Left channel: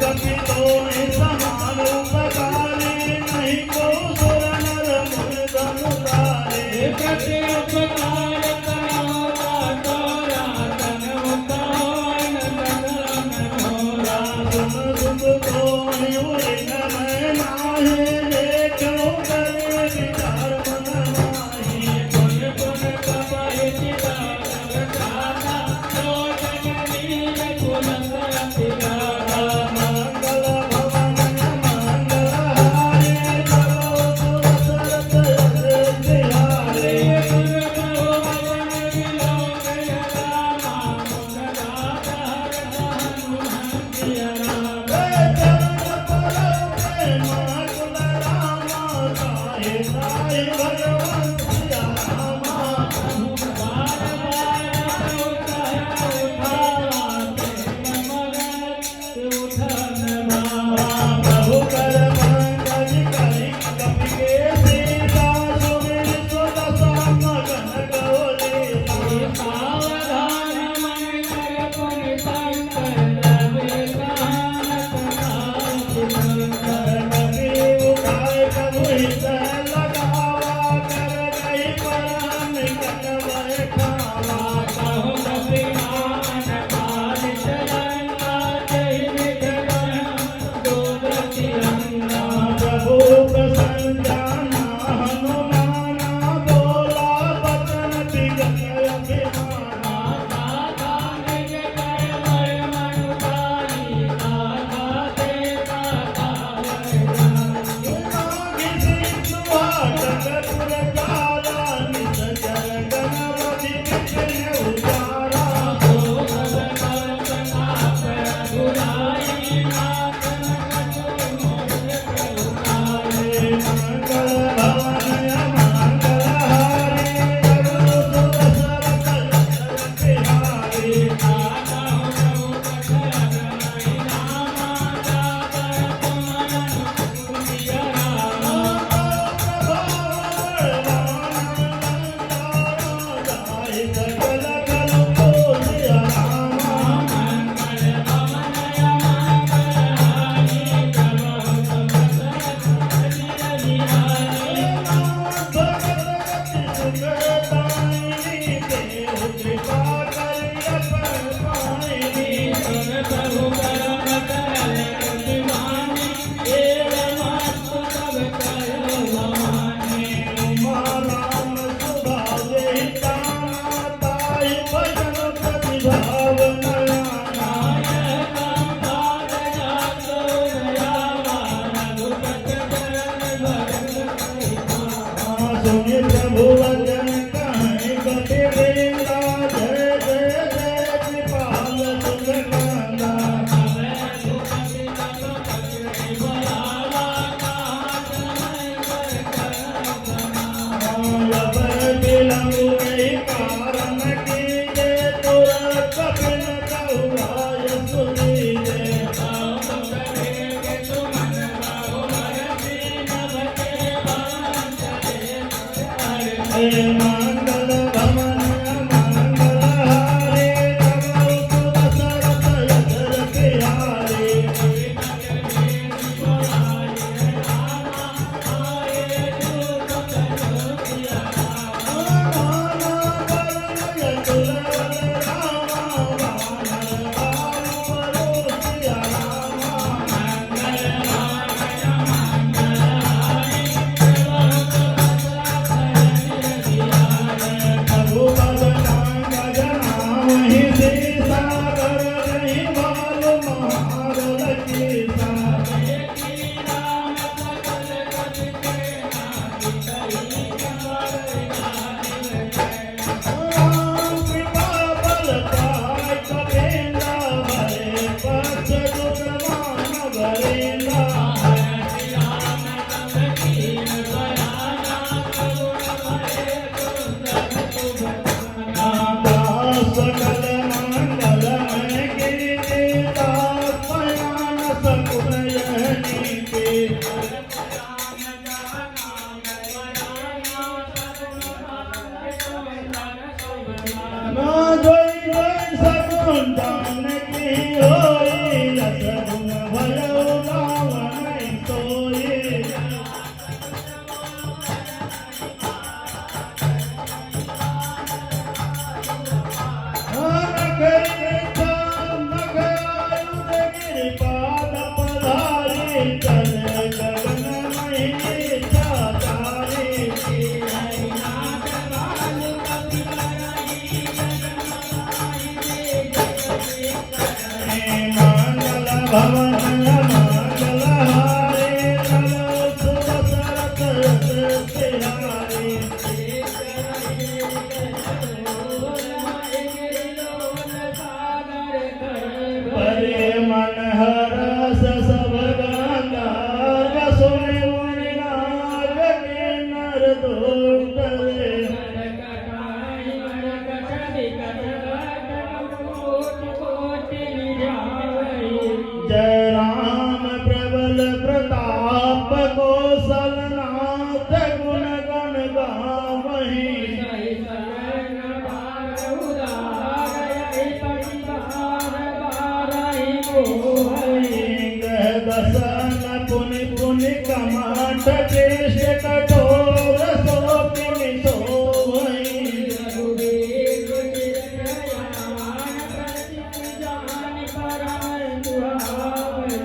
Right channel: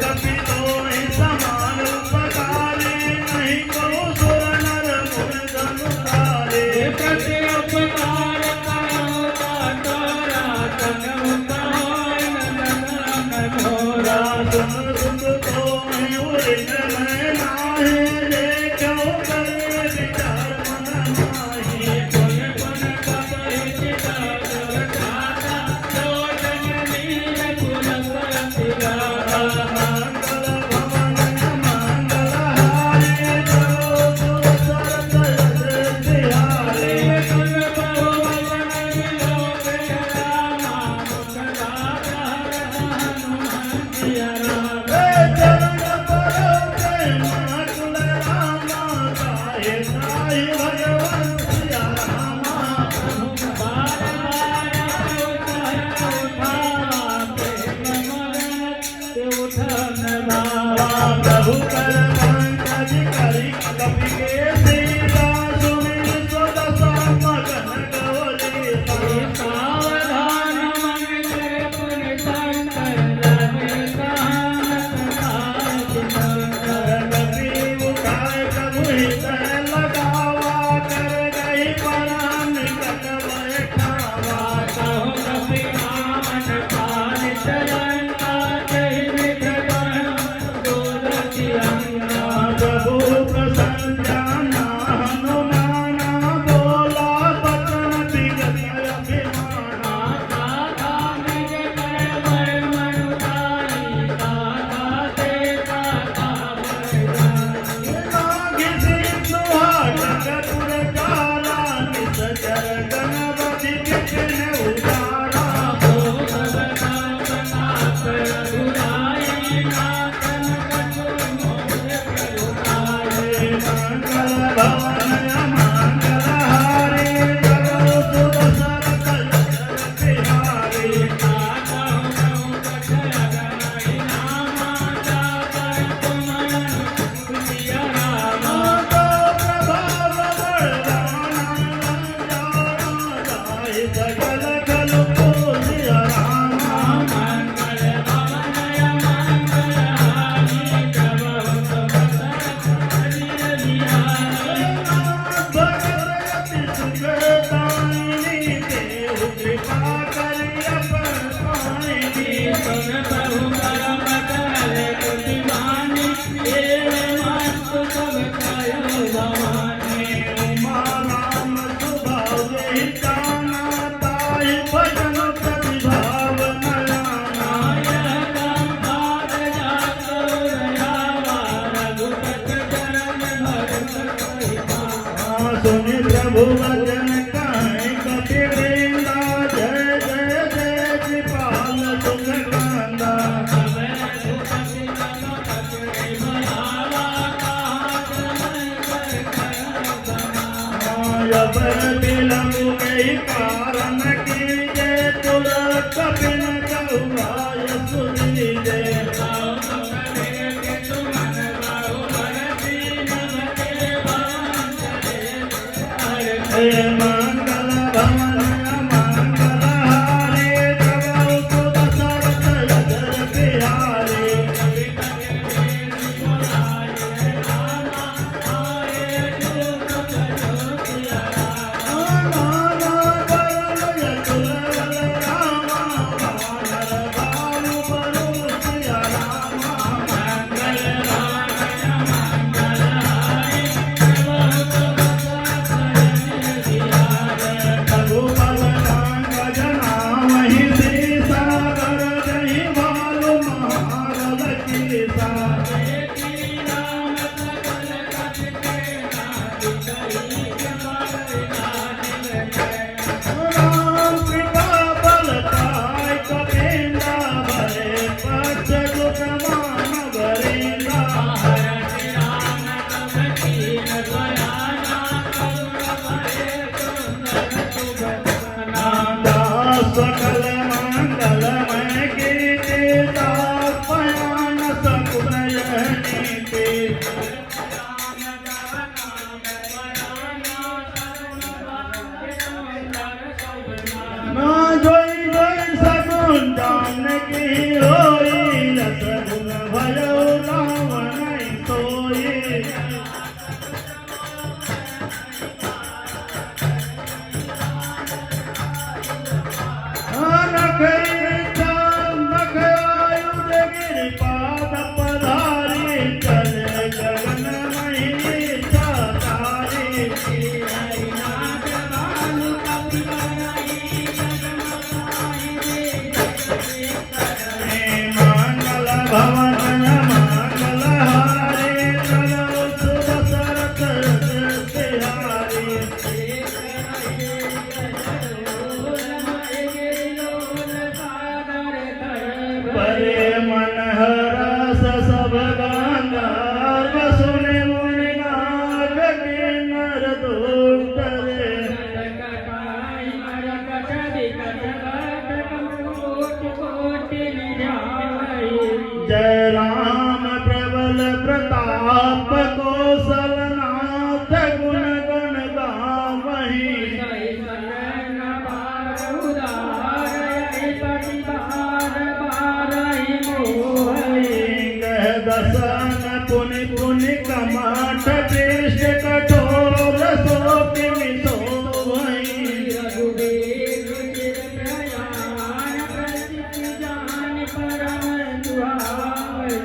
Janaki, oh, in the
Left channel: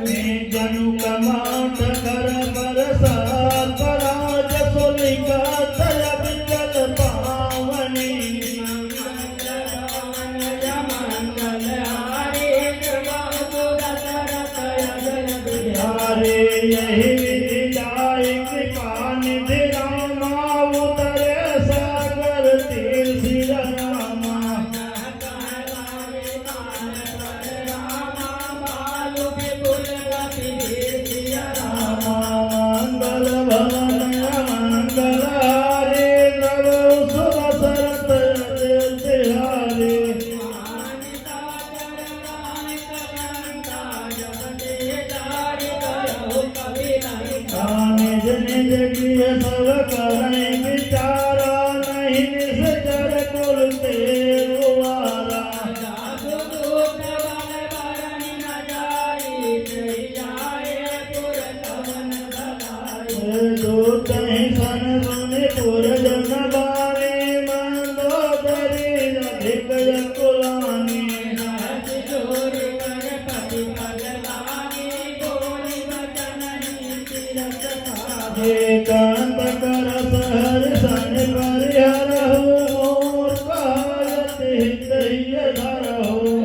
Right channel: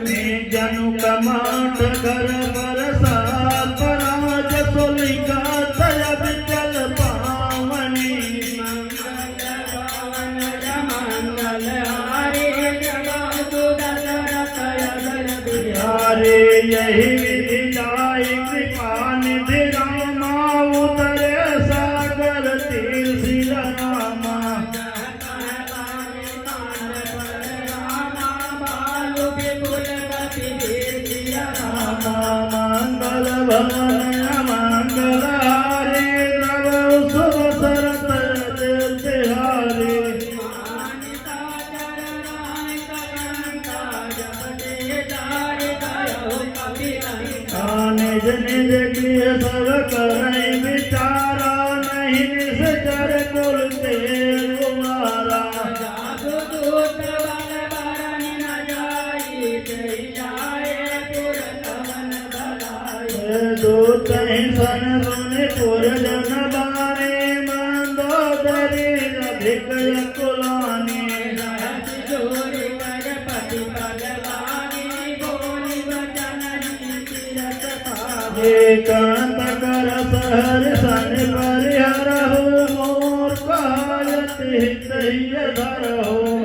जनु command कर कर साप राज सोलिका दया विचल पावनी हरे यही विधि जाय कृपा निधि रामा उतरे सागर तीर सिर रामा मंगल भवन मंगल हारे द्रव सुर सरत तिहारे निज निज किय सब करई विचारा नहीं निश्चर कुल तेरुआरा दूत सन सुने पुर जन बारे मंदोदरी अधिक कुलानी कांत कर सहर सन परिहर हो मोर कायत हित धर हो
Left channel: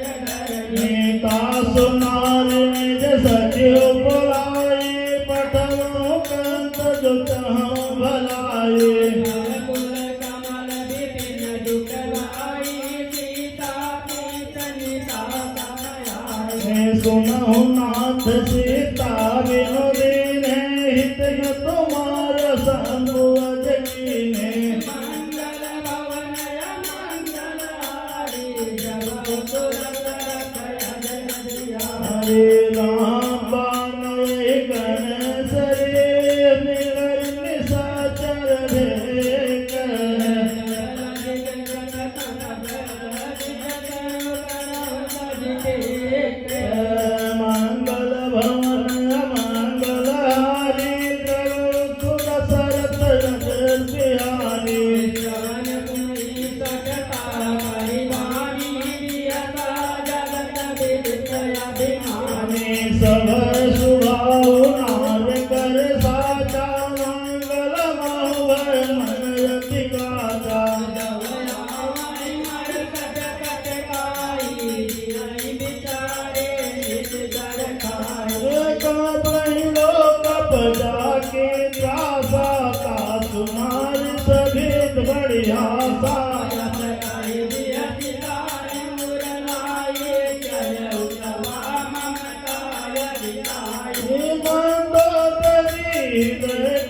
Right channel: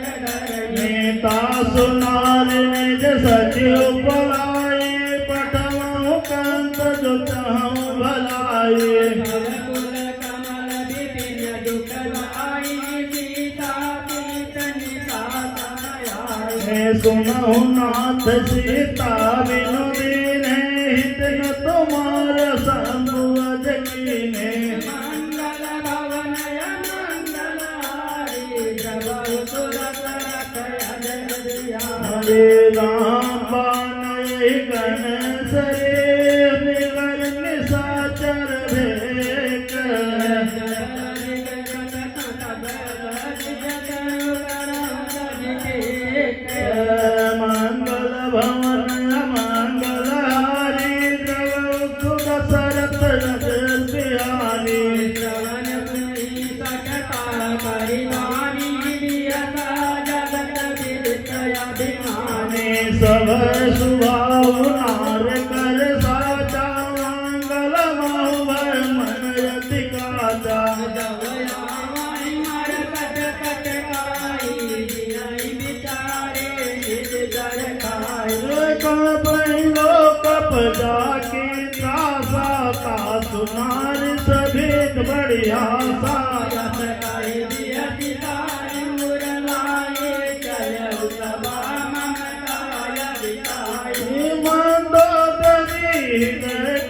नेता सुनार निज सचिव बुलाए पठवो कंत जो तहु भलाए सुनहु नाथ सीता बिनु दीने हित न तुम्हार संगु अज कीने हरे राम बान गण सरे निवर निशाचर भेक मंगल भवन मंगल हारी द्रव सुर सरत तिहारी सब सुभाव नार कर साचा मंगल महुवर मन रति काचा कपदा के त्रासा का तुम्हारी सभेद बढ़िया सा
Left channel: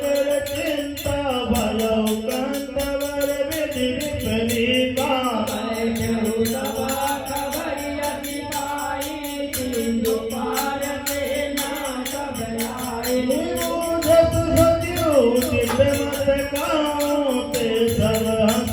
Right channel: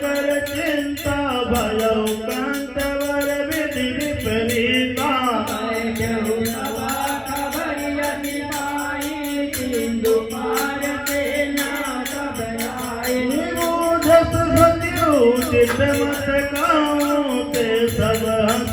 कर चिंता भयउ कंतवर विधि विपरीता उचित मत गाँव ते सब